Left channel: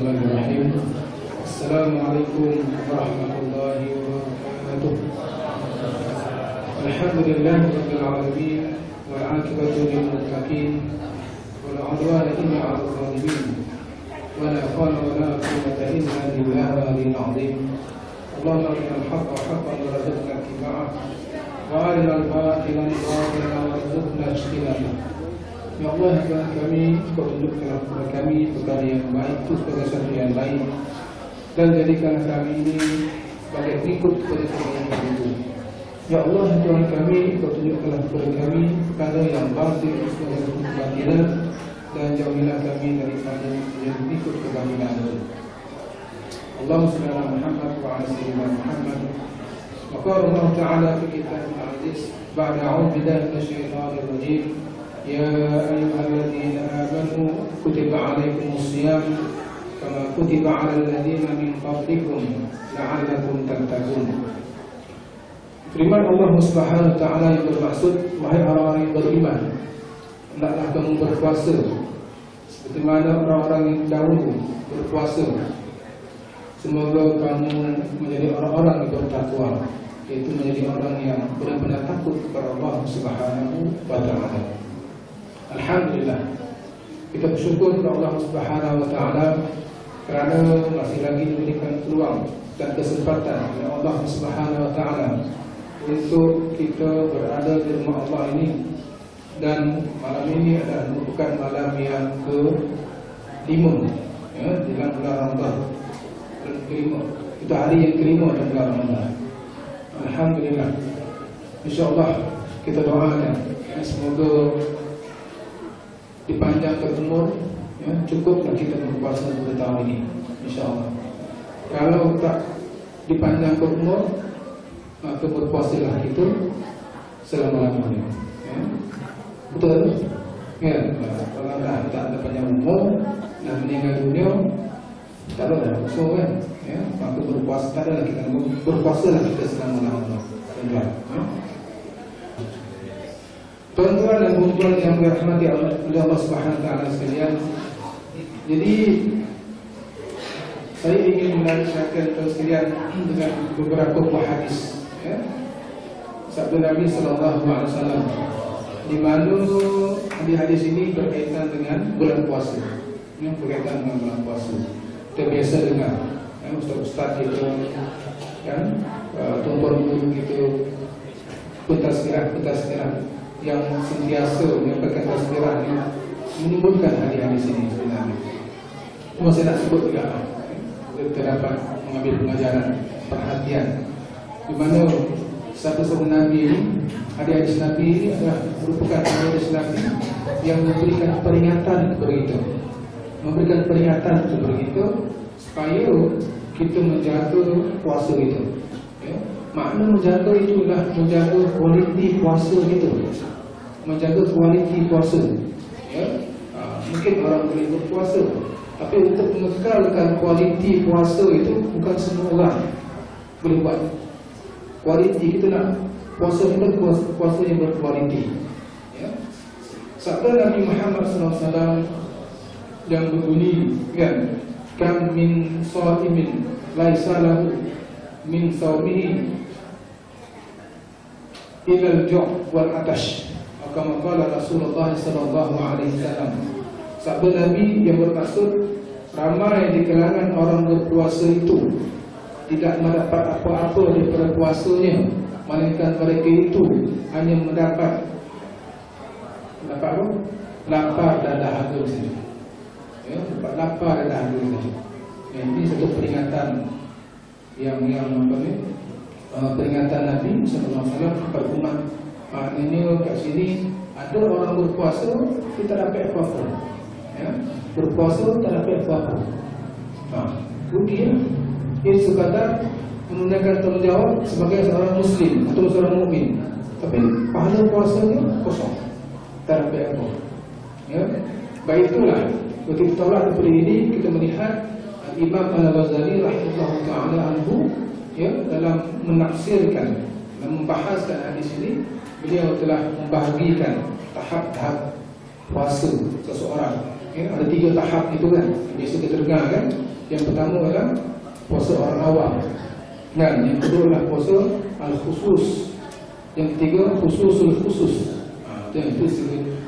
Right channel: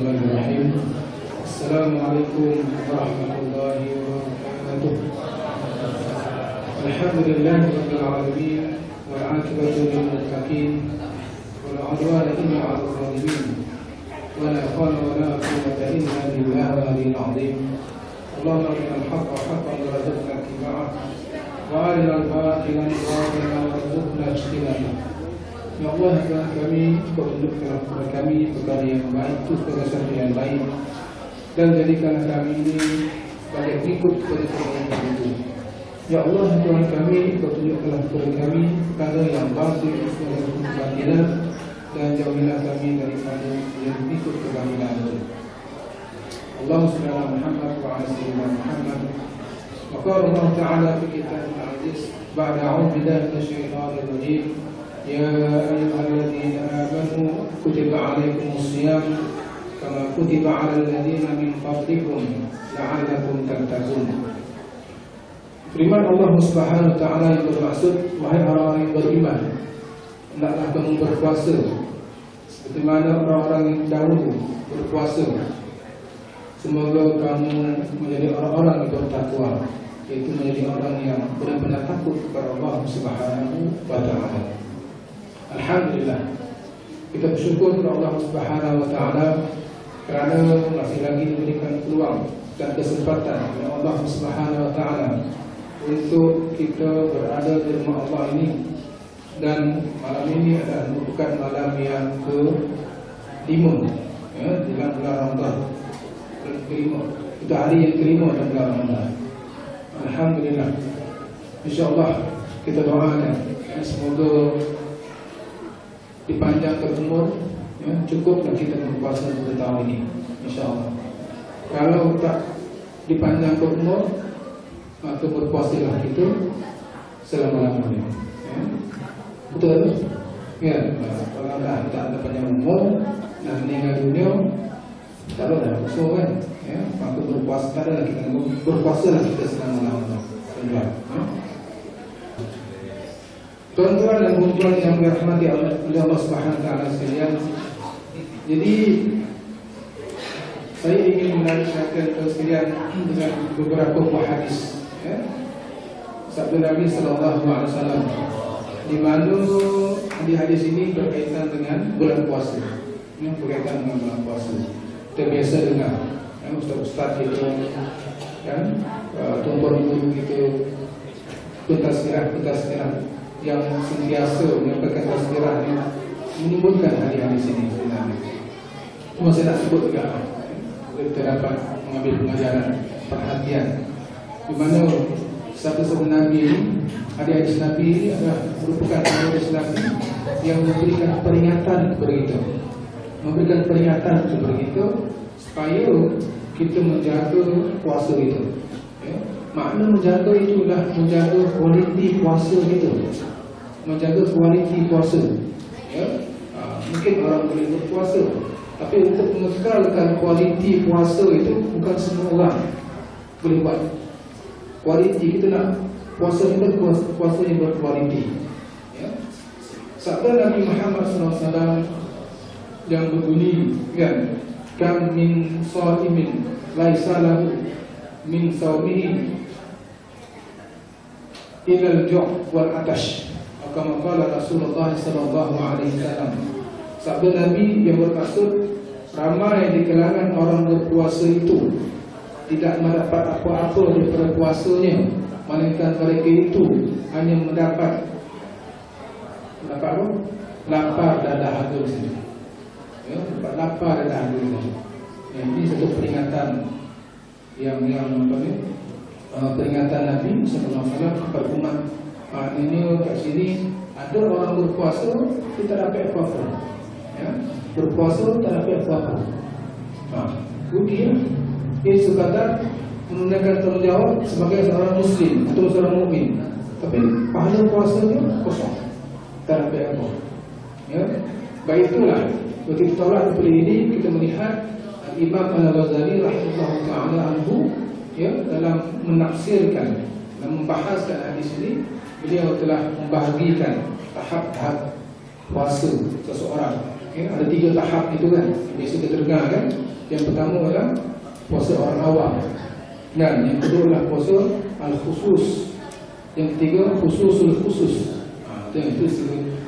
Bismillahirrahmanirrahim. Assalamualaikum warahmatullahi wabarakatuh. Alhamdulillahi rabbil alamin wal 'aqibatu lil muttaqin wala 'udwana illa 'alal zalimin. Wala hawla wala quwwata illa billahil 'aliyyil 'azim. Allahumma arinal haqqa haqqan warzuqna ittiba'ah wa arinal batila batilan warzuqna ijtinabah. Ya Allah, Tuhan kami, Kau tunjukkanlah kepada kami perkara yang baik itu sebagai sesuatu yang baik, dan jadikanlah kami ini sebagai pengikut kepada Tuhan yang itu. Ya Allah, Tuhan kami, Kau tunjukkanlah kepada kami perkara yang batil sebagai sesuatu kebatilan, dan jauhilah kami daripada yang pengikut kebatilan itu. Allahumma shalli ala Muhammad wa ala sayyidina Muhammad. Maka Allah Ta'ala fi kitabul aziz ba'da a'udzu billahi minasyaitonir rajim. Ya ayyuhalladzina amanu kutiba alaikumus shiyam kama kutiba 'alal ladzina min qablikum la'allakum tattaqun. Firman Allah Subhanahu wa taala yang bermaksud, wahai orang-orang yang beriman, hendaklah kamu berpuasa seperti mana orang-orang yang dahulu berpuasa. Semoga kamu menjadi orang-orang yang bertakwa, yaitu menjadi orang yang benar-benar takut kepada Allah Subhanahu wa taala. Alhamdulillah, kita bersyukur kepada Allah Subhanahu wa taala kerana masih lagi diberikan peluang dan kesempatan oleh Allah Subhanahu wa taala untuk kita berada di rumah Allah ini. Dan malam ini adalah merupakan malam yang ke-5 di dalam bulan Ramadan. Itu hari yang ke-5 dalam bulan Ramadan. Alhamdulillah. InsyaAllah kita doakan semoga dipanjangkan umur, cukuplah kita berpuasa pada tahun ini, insyaAllah. Kalau tak dipanjangkan umur, maka berpuasalah kita selama-lamanya. Betul? Ya. Kalau tak ada panjang umur dan meninggal dunia, tak ada dah usul kan? Maka berpuasa tak ada, kita berpuasalah kita selama-lamanya. Tuan-tuan dan puan-puan yang dirahmati oleh Allah Subhanahu wa taala sekalian. Jadi saya ingin menceritakan tuan sekalian dengan beberapa buah hadis, sabda Nabi sallallahu alaihi wasallam, di mana hadis ini berkaitan dengan bulan puasa. Berkaitan dengan bulan puasa. Kita biasa dengar ustaz-ustaz kita kan, tuan-tuan guru kita pentasbih yang sentiasa menyampaikan tasbihah yang menyebutkan hadis ini sebenarnya. Cuma saya nak sebut juga, kita dapat mengambil pengajaran, perhatian, di mana sabda Nabi ini, hadis Nabi ini adalah merupakan hadis Nabi yang memberikan peringatan kepada kita, memberikan peringatan kepada kita supaya kita menjaga puasa kita. Makna menjaga itulah menjaga kualiti puasa kita, menjaga kualiti puasa. Mungkin orang boleh berpuasa, tapi untuk mengekalkan kualiti puasa itu bukan semua orang boleh buat. Kualiti kita nak puasa kita, puasa yang berkualiti. Sabda Nabi Muhammad SAW yang berbunyi kan, kam min shaimin laisa lahu min saumihi ilal ju' wal atash, kama qala Rasulullah sallallahu alaihi wasallam. Sabda Nabi yang bermaksud, ramai di kalangan orang berpuasa itu tidak mendapat apa-apa daripada puasanya, melainkan mereka itu hanya mendapat apa? Lapar dan dahaga saja. Dapat lapar dan dahaga saja. Ini satu peringatan yang peringatan Nabi sallallahu alaihi wasallam kepada umat. Maknanya kat sini ada orang berpuasa kita tak dapat apa-apa. Berpuasa tak dapat apa-apa. Rugi. Ia sekadar menunaikan tanggungjawab sebagai seorang muslim atau seorang mukmin, tapi pahala puasanya kosong, tak dapat apa. Baik itulah ketika tolak daripada ini kita melihat Imam Al-Ghazali rahimahullah ta'ala anhu dalam menafsirkan dan membahaskan hadis ini, beliau telah membahagikan tahap-tahap puasa seseorang. Ya, ada 3 tahap itu kan. Biasa kita dengar kan. Yang pertama adalah puasa orang awam. Dan yang kedua adalah puasa al-khusus. Yang ketiga khususul khusus. Itu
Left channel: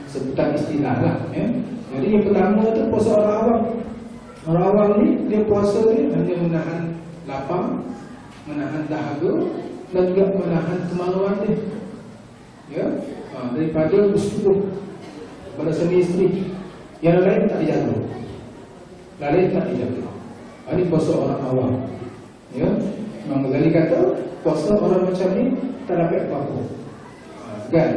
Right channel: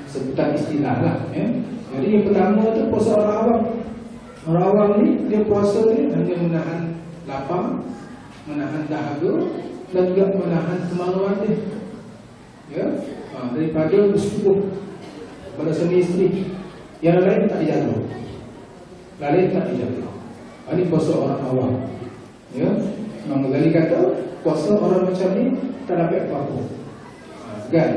sebutan istilah lah. Ya. Jadi yang pertama itu puasa orang awam. Orang awam ni dia puasa ni hanya menahan lapar, menahan dahaga dan juga menahan kemaluan dia. Ya, daripada bersetubuh pada suami isteri. Yang lain tak dijaga. Lain tak dijaga. Ini puasa orang awam. Ya, Imam Ghazali kata puasa orang macam ni tak dapat apa-apa. Kan?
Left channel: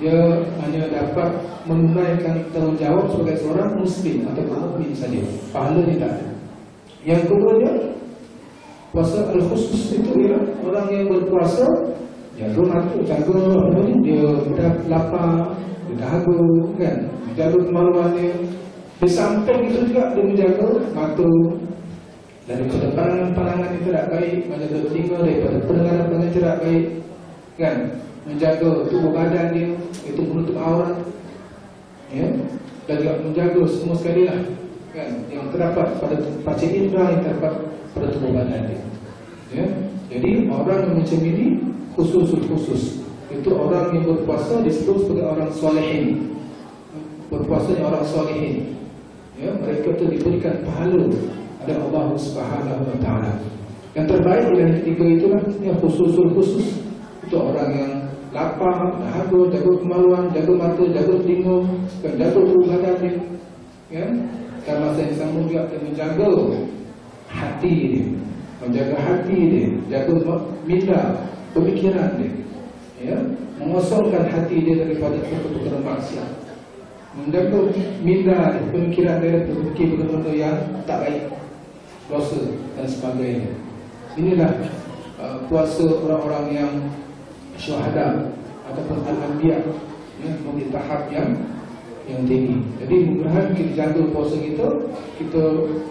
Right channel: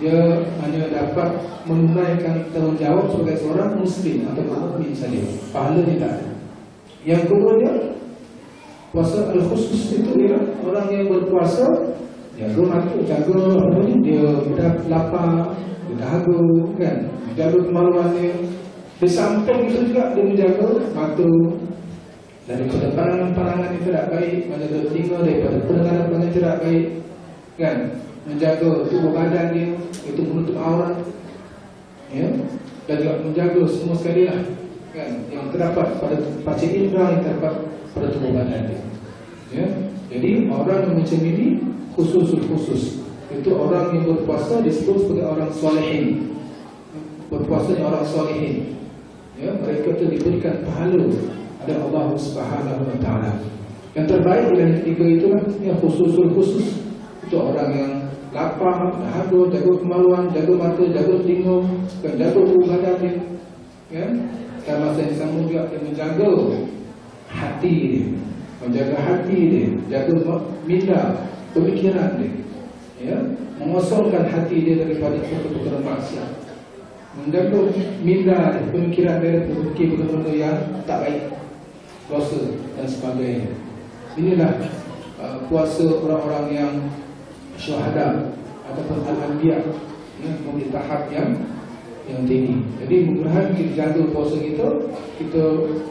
Dia hanya dapat menunaikan tanggungjawab sebagai seorang muslim atau mukmin saja. Pahalanya tak ada. Yang kedua dia puasa al-khusus itu ialah orang yang berpuasa jaga mata, jaga apa ni, dia lapar, dia dahaga kan, jaga kemaluan dia. Di samping itu juga dia menjaga mata daripada pandangan-pandangan yang tidak baik, menjaga telinga daripada pendengaran-pendengaran tidak baik kan, menjaga tubuh badan dia itu menutup aurat ya, dan juga menjaga semua sekali lah kan, yang terdapat pada panca indera yang terdapat pada tubuh badan dia ya. Jadi orang yang macam ini khusus itu orang yang berpuasa disebut sebagai orang solehin. Berpuasanya orang solehin ya, mereka itu diberikan pahala oleh Allah Subhanahu wa taala. Yang terbaik dari ketiga itulah yang khusus. Itu orang yang lapar, dahaga, jaga kemaluan, jaga mata, jaga telinga, dan jaga tubuh badan dia ya. Dan masa yang sama juga dia menjaga hati dia, menjaga hati dia, jaga minda pemikiran dia ya, mengosongkan hati dia daripada perkara-perkara maksiat, menjaga minda dia, pemikiran dia berfikir benda-benda yang tak baik, dosa dan sebagainya. Inilah puasa orang-orang yang syuhada ataupun al-anbiya ya, memiliki tahap yang tinggi. Jadi mudah-mudahan kita jaga puasa kita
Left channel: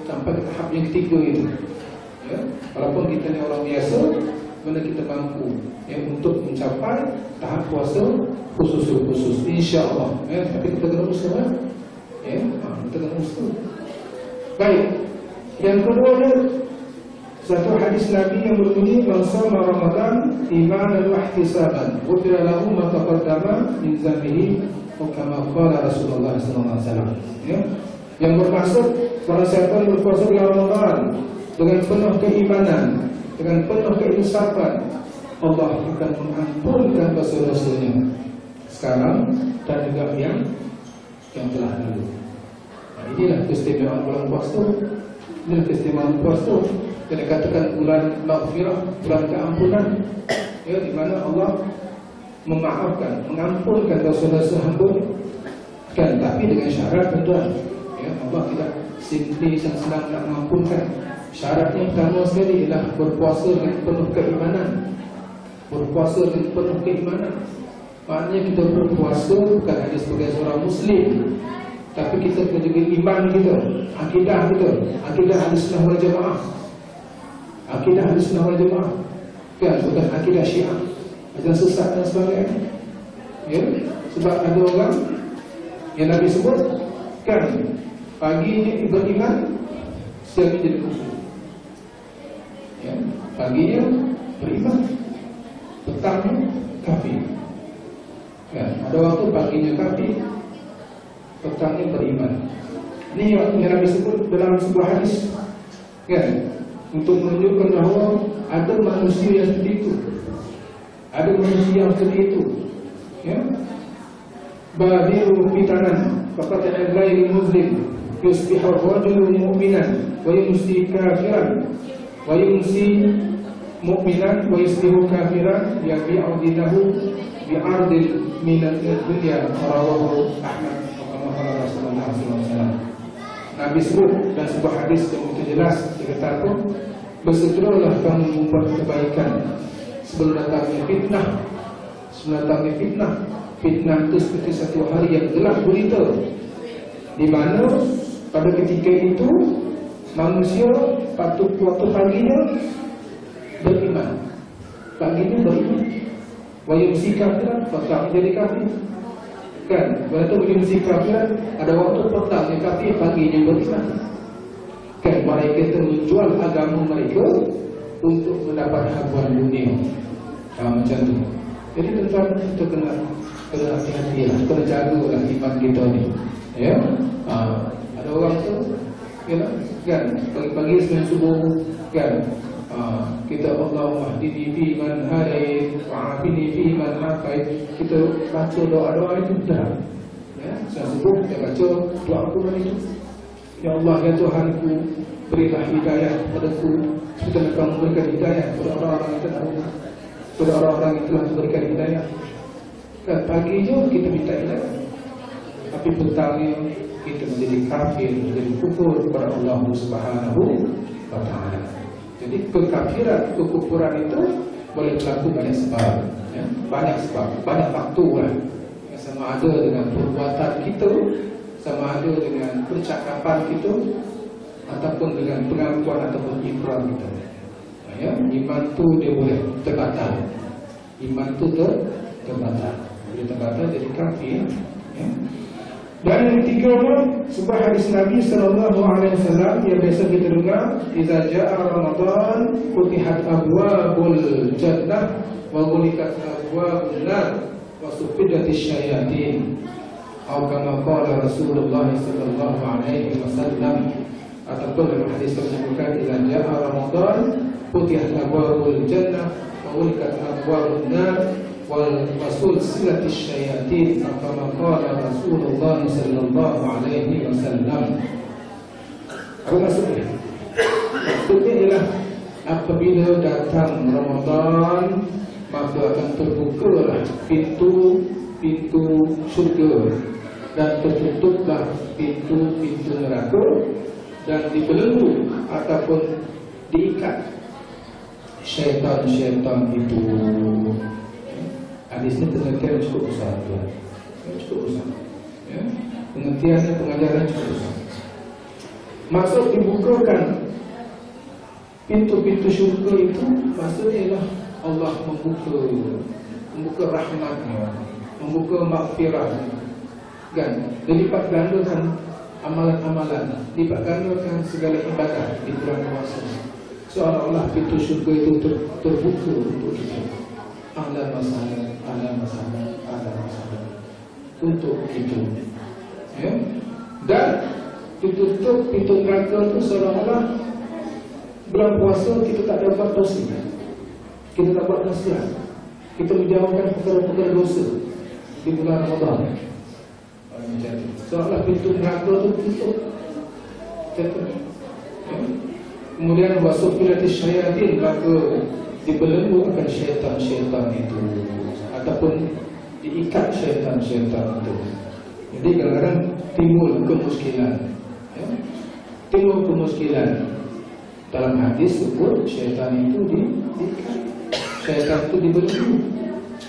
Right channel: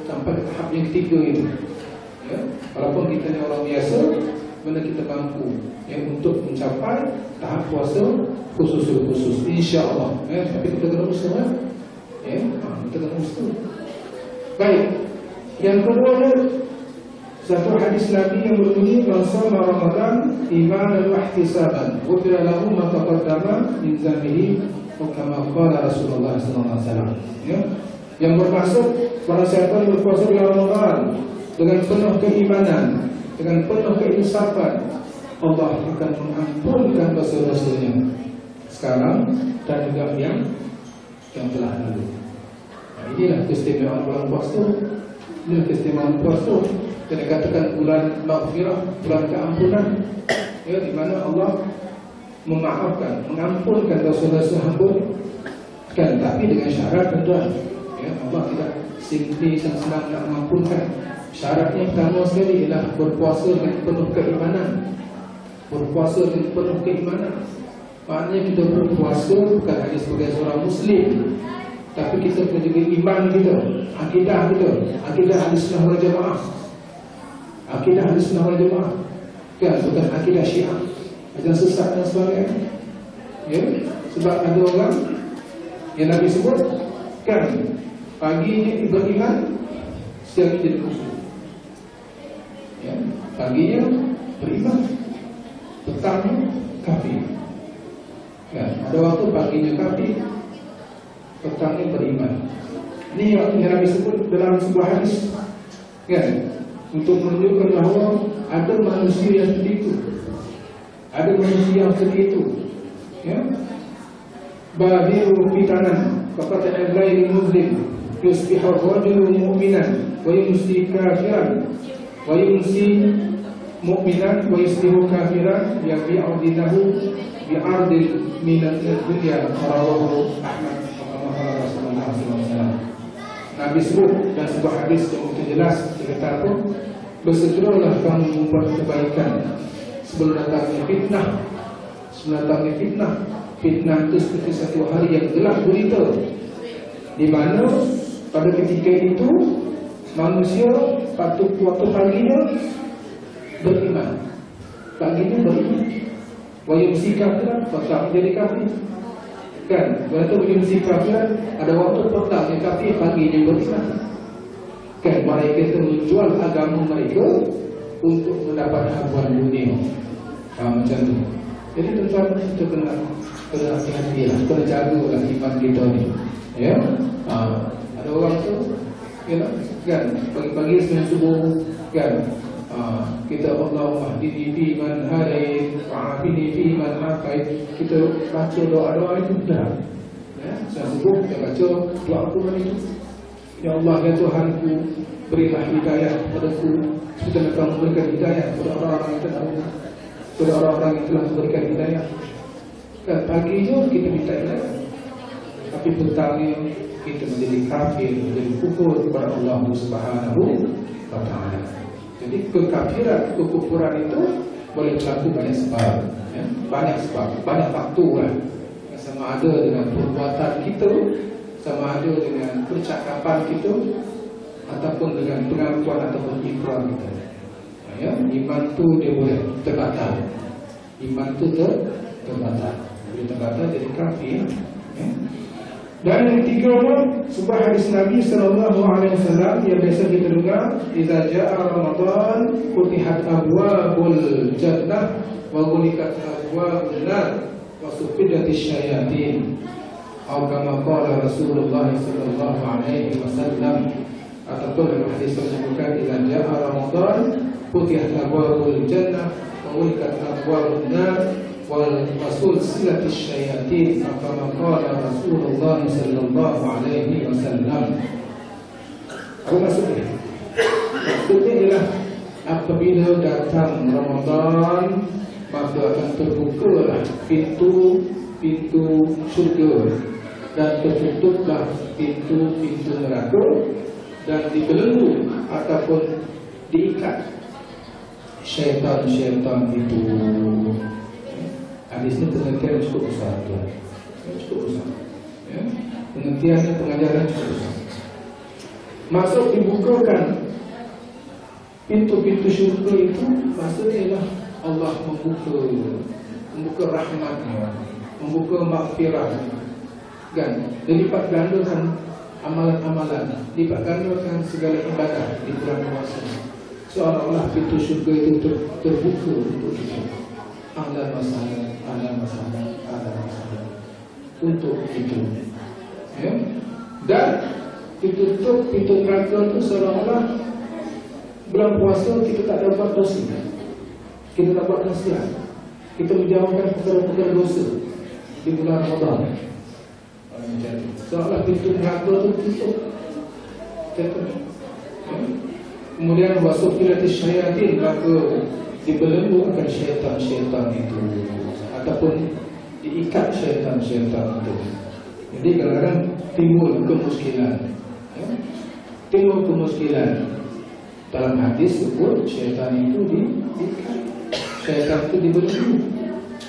sampai ke tahap yang ketiga itu ya. Walaupun kita ni orang biasa, mana kita mampu ya, untuk mencapai tahap puasa khusus insya-Allah ya. Tapi kita kena usaha ya, kita kena usaha. Baik, yang kedua satu hadis Nabi yang berbunyi man shoma Ramadan imanan wa ihtisaban ghufira lahu ma taqaddama min dhanbihi kama qala Rasulullah sallallahu alaihi wasallam ya. Yang bermaksud barang siapa yang berpuasa di Ramadan dengan penuh keimanan, dengan penuh keinsapan, Allah akan mengampunkan dosa-dosanya sekarang dan juga yang telah lalu. Nah, inilah keistimewaan bulan puasa. Inilah keistimewaan puasa. Kita katakan bulan maghfirah, bulan keampunan ya, di mana Allah memaafkan, mengampunkan dosa-dosa hamba kan, tapi dengan syarat tuan ya, Allah tidak simply senang nak mengampunkan. Syaratnya pertama sekali ialah berpuasa dengan penuh keimanan. Berpuasa dengan penuh keimanan maknanya kita berpuasa bukan hanya sebagai seorang muslim, tapi kita kena jaga iman kita, akidah kita, akidah Ahlussunnah wal Jamaah. Akidah Ahlussunnah wal Jamaah kan, bukan akidah Syiah, ajaran sesat dan sebagainya ya. Sebab ada orang yang Nabi sebut kan, paginya beriman, siangnya jadi kufur ya. Paginya beriman, petangnya kafir ya. Ada waktu paginya kafir, petangnya beriman. Ini yang Nabi sebut dalam sebuah hadis kan, untuk menunjukkan bahawa ada manusia yang seperti itu, ada manusia yang seperti itu ya. Badiru fitanan faqad al-ghayr muslim yusbihu ar-rajulu mu'minan wa yumsi kafiran wa yumsi mu'minan wa yusbihu kafiran yabi'u dinahu bi'ardil min ad-dunya. Rawahu Ahmad wa Rasulullah sallallahu alaihi wasallam. Nabi sebut dan sebuah hadis yang begitu jelas, dia kata apa? Bersegeralah kamu membuat kebaikan sebelum datangnya fitnah. Sebelum datangnya fitnah. Fitnah itu seperti satu hari yang gelap gulita, di mana pada ketika itu manusia waktu paginya beriman, paginya beriman, wa yumsi kafiran, petang jadi kafir Kan, waktu mesti kafir, ada waktu petang yang kafir, pagi yang beriman. Kan, mereka itu menjual agama mereka untuk mendapat habuan dunia. Macam tu. Jadi tuan-tuan kita kena hati-hati lah, kena jagalah iman kita ni. Ya, ada orang tu, kan, pagi-pagi sebelum subuh, kan, kita Allahumma hdini fi man hadait wa'afini fi man afait, kita baca doa-doa itu dah. Ya, saya sebut kita baca doa Quran itu. Ya Allah, ya Tuhanku, berilah hidayah kepadaku seperti Engkau memberikan hidayah kepada orang-orang yang terdahulu, kepada orang-orang yang telah memberikan hidayah. Kan pagi je kita minta hidayah, tapi petangnya kita menjadi kafir, menjadi kufur kepada Allah Subhanahu wa Ta'ala. Jadi kekafiran, kekufuran itu boleh berlaku banyak sebab, ya? Banyak sebab, banyak faktor lah. Sama ada dengan perbuatan kita, sama ada dengan percakapan kita, ataupun dengan pengakuan ataupun ikrar kita. Ya, iman tu dia boleh terbatal. Iman tu terbatal. Boleh terbatal jadi kafir. Ya. Dan yang ketiga, sebuah hadis Nabi SAW yang biasa kita dengar, "Idza jaa Ramadan, futihat abwabul jannah wa ghuliqat abwabun nar wa suffidatis syayatin." Atau kama qala Rasulullah sallallahu alaihi wasallam. Ataupun dalam hadis tersebutkan, "Idza jaa Ramadan, futihat abwabul jannah wa ghuliqat abwabun nar wal sulsilatis syayatin." Kama qala Rasulullah sallallahu alaihi wasallam. Apa maksudnya? Maksudnya ialah apabila datang Ramadan, maka akan terbukalah pintu syurga dan tertutuplah pintu neraka, dan dibelenggu ataupun diikat syaitan-syaitan itu. Hadis ini pengertian cukup besar, tuan. Cukup besar. Ya. Pengertiannya, pengajaran cukup besar. Maksud dibukakan pintu-pintu syurga itu, maksudnya ialah Allah membuka rahmatnya, membuka maghfirah. Kan? Dilipat gandakan amalan-amalan, dilipat gandakan segala ibadah di bulan puasa. Seolah-olah pintu syurga itu terbuka untuk kita. Ahlan masalah untuk itu. Ya? Dan ditutup pintu neraka itu seolah-olah bulan puasa kita tak ada buat dosa, kita tak buat maksiat, kita menjauhkan perkara-perkara dosa di bulan Ramadan. Seolah pintu neraka itu tutup. Kemudian wasuffilatis syayatin, maka dibelenggu akan syaitan-syaitan itu, ataupun diikat syaitan-syaitan itu. Jadi kadang-kadang timbul kemuskilan, ya? Timbul kemuskilan. Dalam hadis sebut syaitan itu diikat, syaitan itu dibelenggu.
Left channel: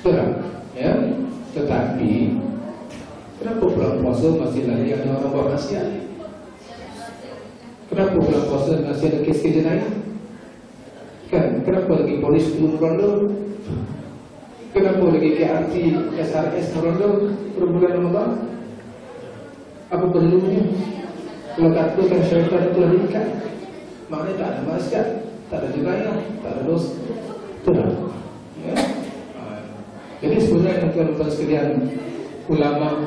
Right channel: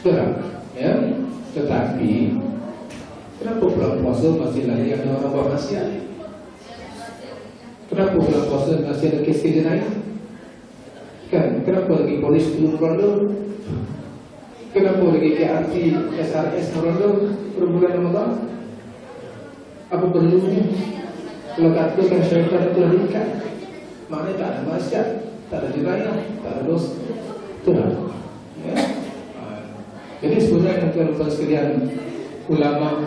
Betul, ya? Tetapi kenapa bulan puasa masih lagi ada orang buat maksiat? Kenapa bulan puasa masih ada kes jenayah? Kan, kenapa lagi polis belum ronda? Kenapa lagi KRT, SRS ronda per bulan Ramadan? Apa perlunya? Kalau katakan syaitan itu telah diikat, maknanya tak ada maksiat, tak ada jenayah, tak ada dosa. Betul tak? Ya? Jadi sebenarnya tuan-tuan sekalian, ulama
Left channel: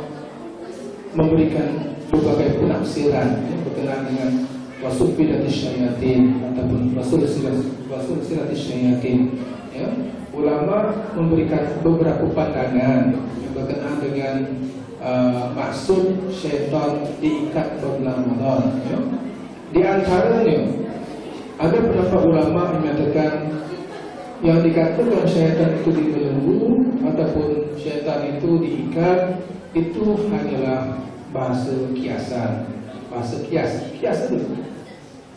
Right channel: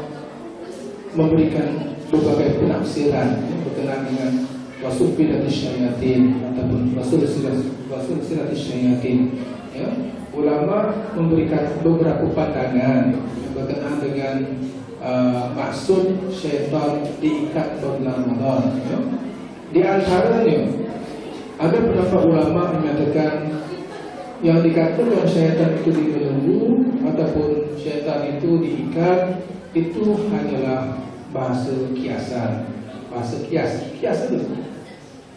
memberikan berbagai penafsiran berkenaan dengan wasuffilatis syayatin ataupun wasulsilatis syayatin. Ya, ulama memberikan beberapa pandangan yang berkenaan dengan maksud syaitan diikat pada bulan Ramadan. Ya. Di antaranya ada pendapat ulama yang menyatakan yang dikatakan syaitan itu dibelenggu ataupun syaitan itu diikat itu hanyalah bahasa kiasan, bahasa kias itu,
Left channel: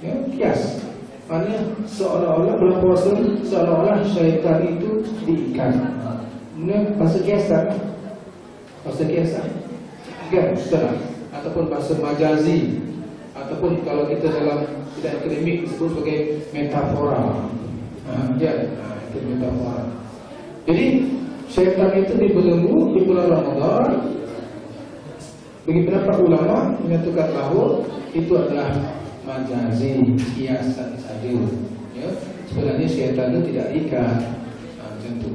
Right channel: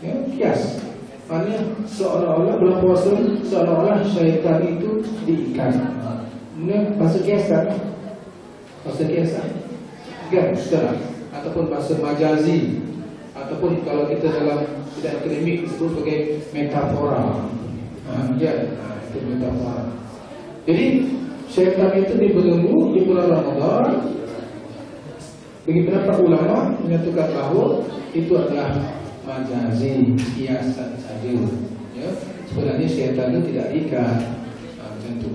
ya, kias. Maknanya seolah-olah bulan puasa, seolah-olah syaitan itu diikat. Ini bahasa kiasan, kan, setelah ataupun bahasa majazi, ataupun kalau kita dalam bidang akademik disebut sebagai metafora. Itu metafora. Jadi syaitan itu dibelenggu di bulan Ramadan Bagi pendapat ulama menyatakan bahawa itu adalah majazi, kiasan saja. Ya, sebenarnya syaitan itu tidak ikat. Macam tu.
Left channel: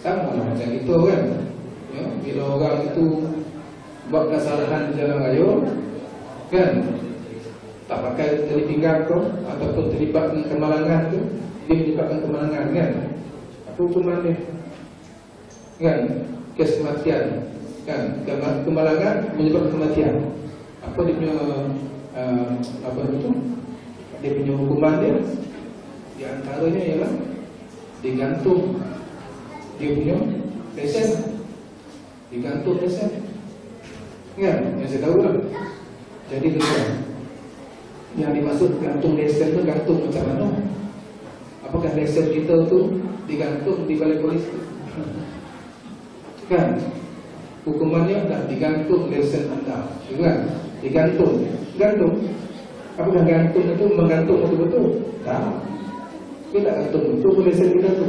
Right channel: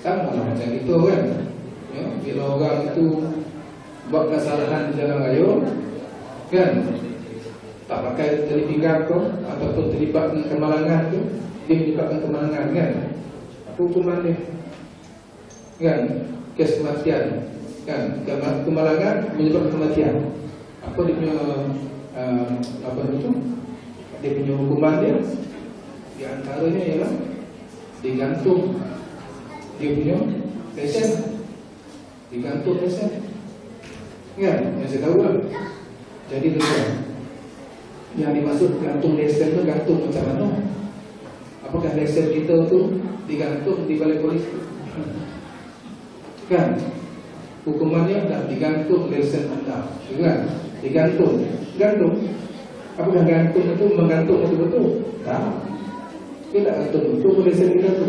Sama lah macam itu kan. Ya, bila orang itu buat kesalahan di jalan raya, kan, tak pakai tali pinggang kau ataupun terlibat dengan kemalangan tu, dia menyebabkan kemalangan kan. Apa hukuman dia? Kan, kes kematian. Kan, kemalangan menyebabkan kematian. Apa dia punya apa itu? Dia punya hukuman dia di antaranya ialah digantung dia punya lesen, digantung lesen. Kan, yang saya tahu lah. Jadi tuan, yang dimaksud gantung lesen itu gantung macam mana? Apakah lesen kita tu digantung di balai polisi? Kan, hukumannya dah digantung lesen anda, kan? Digantung, gantung. Apakah gantung itu menggantung betul-betul? Tak. Tidak gantung itu lesen kita tu.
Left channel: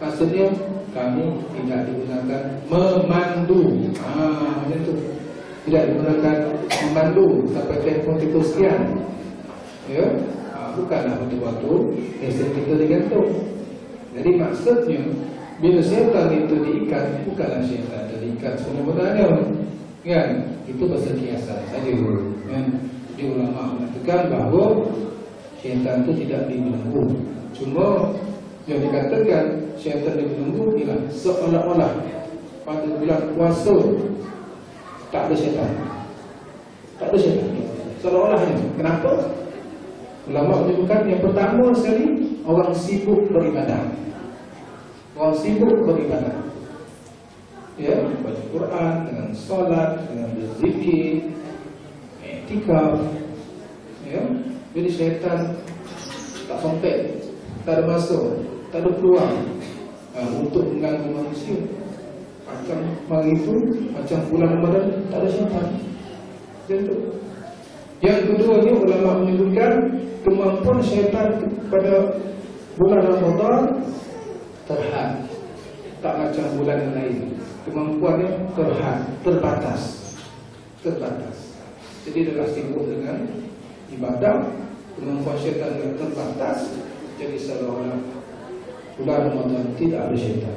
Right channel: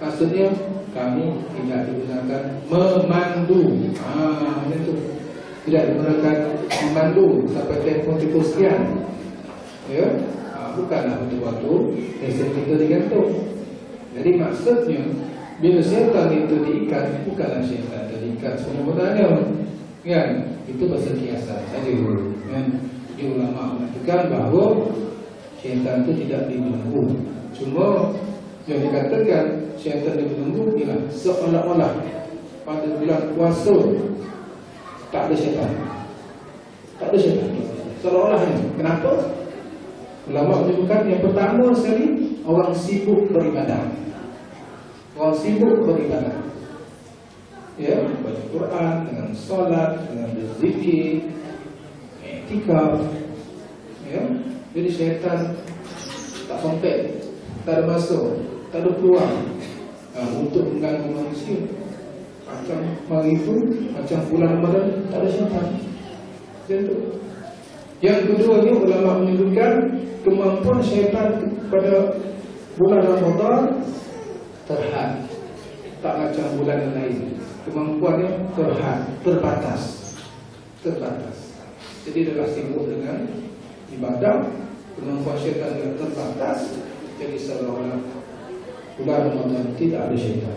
Maksudnya kami tidak digunakan memandu. Macam tu. Tidak digunakan memandu sampai tempoh sekian. Ya, bukanlah betul-betul lesen kita digantung. Jadi maksudnya bila syaitan itu diikat, bukanlah syaitan terikat sebenarnya, kan? Itu pasal kiasan saja, kan? Di ulama mengatakan bahawa syaitan itu tidak dibelenggu. Cuma yang dikatakan syaitan dibelenggu ialah seolah-olah pada bulan puasa tak ada syaitan, tak ada syaitan. Seolah-olahnya. Kenapa? Ulama menyebutkan yang pertama sekali orang sibuk beribadah. Orang sibuk beribadah, ya, baca Quran, dengan solat, dengan berzikir, i'tikaf, ya. Jadi syaitan tak sampai, tak ada masuk, tak ada peluang untuk mengganggu manusia. Macam hari itu, macam bulan Ramadan, tak ada syaitan. Itu. Yang kedua ni ulama menyebutkan kemampuan syaitan pada bulan Ramadan terhad, tak macam bulan yang lain. Kemampuannya terhad, terbatas. Jadi adalah sibuk dengan ibadah, kemampuan syaitan yang terbatas. Jadi seolah-olah bulan Ramadan tidak ada syaitan,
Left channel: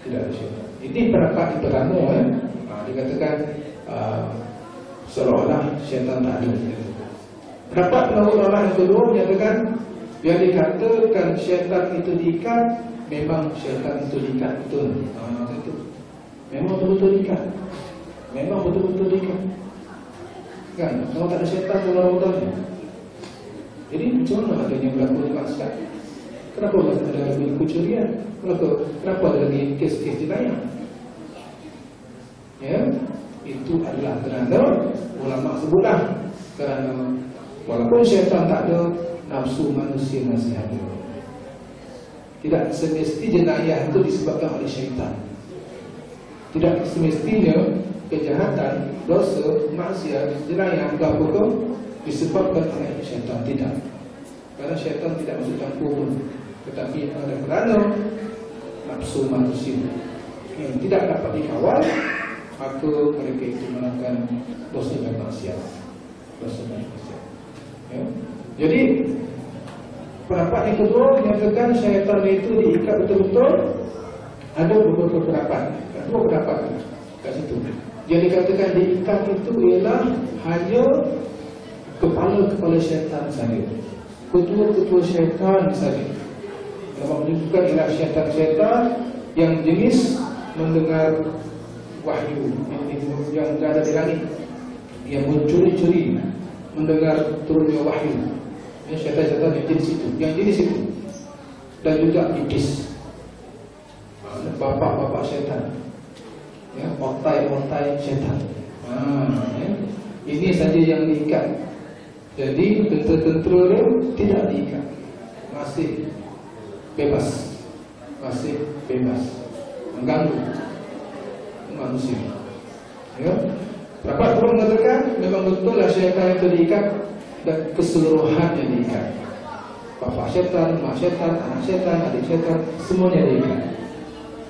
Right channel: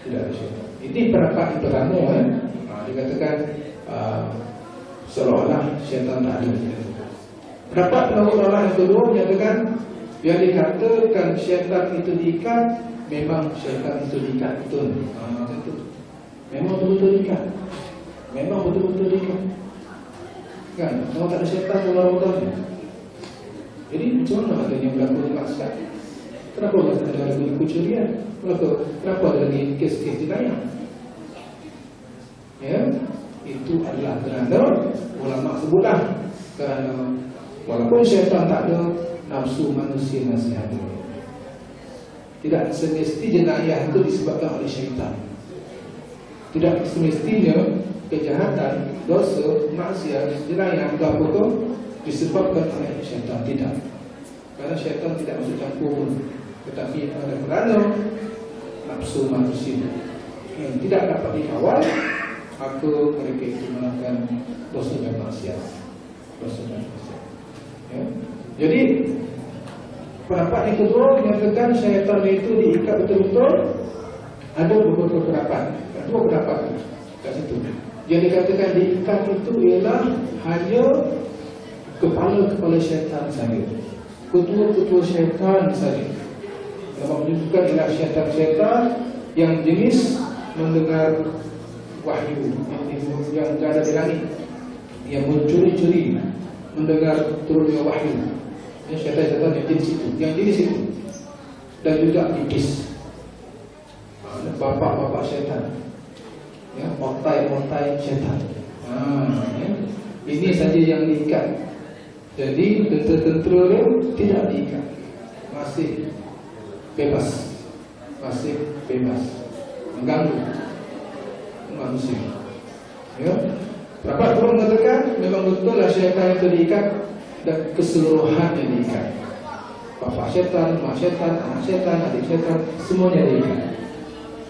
tidak ada syaitan. Ini pendapat yang pertama, dikatakan seolah-olah syaitan tak ada. Pendapat ulama yang kedua menyatakan yang dikatakan syaitan itu diikat, memang syaitan itu diikat betul. Itu. Memang betul-betul diikat. Memang betul-betul diikat. Kan? Kalau tak ada syaitan bulan Ramadan. Jadi macam mana adanya berlaku di maksiat? Kenapa ada lagi kecurian? Kenapa ada lagi kes-kes jenayah? Ya, itu adalah kerana ulama sebutlah, kerana walaupun syaitan tak ada, nafsu manusia masih ada. Tidak semesti jenayah itu disebabkan oleh syaitan. Tidak semestinya kejahatan, dosa, maksiat, jenayah, apa-apa disebabkan oleh syaitan. Tidak. Karena syaitan tidak masuk campur pun. Tetapi ada kerana nafsu manusia yang tidak dapat dikawal, maka mereka itu melakukan dosa dan maksiat. Dosa dan maksiat. Ya. Jadi pendapat yang kedua menyatakan syaitan itu diikat betul-betul. Ada beberapa pendapat, dua pendapat kat situ. Yang dikatakan diikat itu ialah hanya kepala-kepala syaitan saja, ketua-ketua syaitan saja. Yang menunjukkan ialah syaitan-syaitan yang jenis mendengar wahyu yang ada di langit, yang mencuri-curi mendengar turunnya wahyu. Ini syaitan-syaitan yang jenis itu, dan juga iblis, bapak-bapak syaitan, ya, otai-otai syaitan. Ya. Ini saja yang diikat. Jadi tentera-tentera dia tidak diikat, masih bebas mengganggu manusia. Ya. Rapat pun mengatakan memang betullah syaitan itu diikat dan keseluruhannya diikat. Bapak syaitan, mak syaitan, anak syaitan, adik syaitan, semuanya diikat.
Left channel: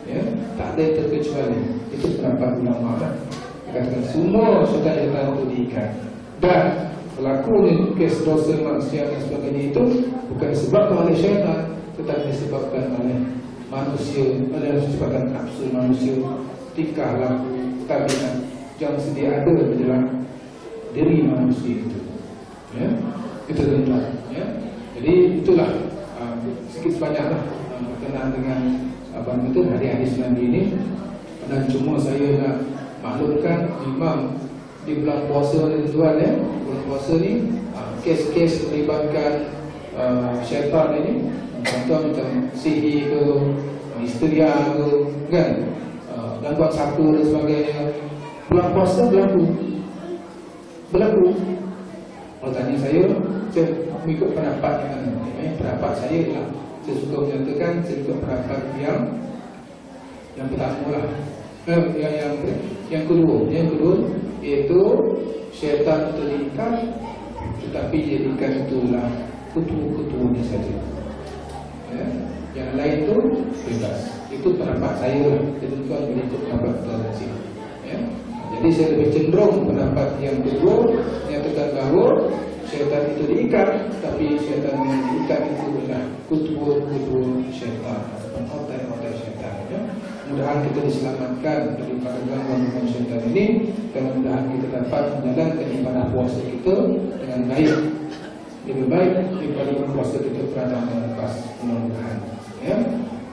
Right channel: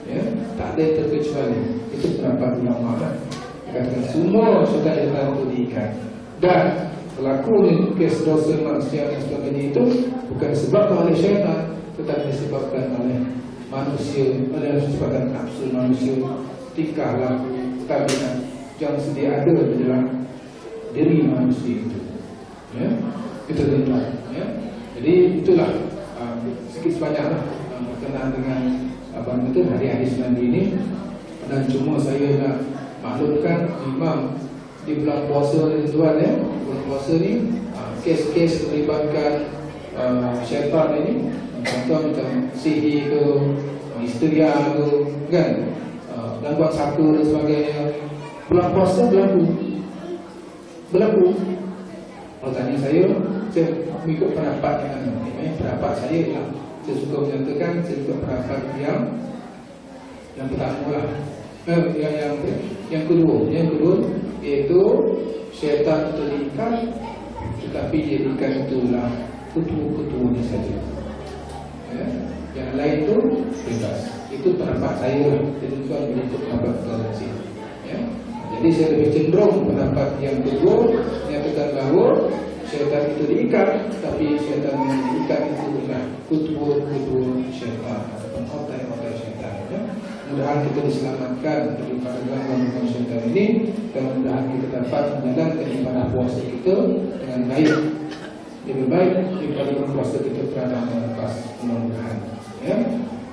Ya, tak ada yang terkecuali. Itu pendapat ulama. Dikatakan semua syaitan itu diikat. Dan pelaku kes dosa manusia dan sebagainya itu bukan disebabkan oleh syaitan, tetapi disebabkan oleh manusia, oleh disebabkan nafsu manusia, tingkah laku, tabiat yang sedia ada di dalam diri manusia itu. Ya, itu tuan-tuan. Ya, jadi itulah sedikit sebanyaklah berkenaan dengan abang itu hadis-hadis Nabi ini. Dan cuma saya nak maklumkan memang di bulan puasa ni tuan ya, bulan puasa ni kes-kes melibatkan syaitan ini, contoh macam sihir ke, histeria ke, kan, gangguan saka dan sebagainya. Bulan puasa berlaku. Kalau tanya saya mengikut pendapat pendapat saya lah. Saya suka menyatakan saya ikut pendapat yang pertama lah. Yang kedua iaitu syaitan itu diikat, tetapi dia diikat itulah ketua-ketuanya saja. Ya? Yang lain itu bebas. Itu pendapat saya lah. Jadi tuan mengikut pendapat tuan sini. Ya? Jadi saya lebih cenderung pendapat yang kedua, menyatakan bahawa syaitan itu diikat, tapi syaitan yang diikat itu adalah ketua-ketua syaitan ataupun otak-otak syaitan. Ya? Mudah-mudahan kita diselamatkan daripada gangguan syaitan ini, dan mudah-mudahan kita dapat menjalankan ibadah puasa kita dengan baik, lebih baik daripada puasa kita pernah melepas, mudah-mudahan. Ya?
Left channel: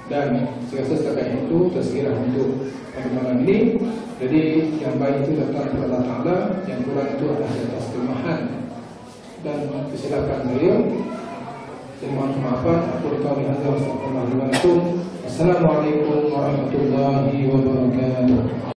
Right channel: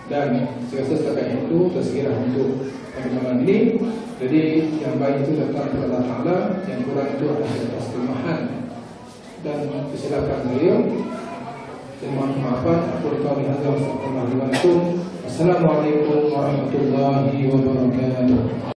Dan saya rasa setakat itu tersekirah untuk pada malam ini. Jadi yang baik itu datang kepada Allah Ta'ala, yang kurang itu adalah atas kelemahan dan kesilapan saya. Saya mohon maafan. Aku berkata Assalamualaikum warahmatullahi wabarakatuh.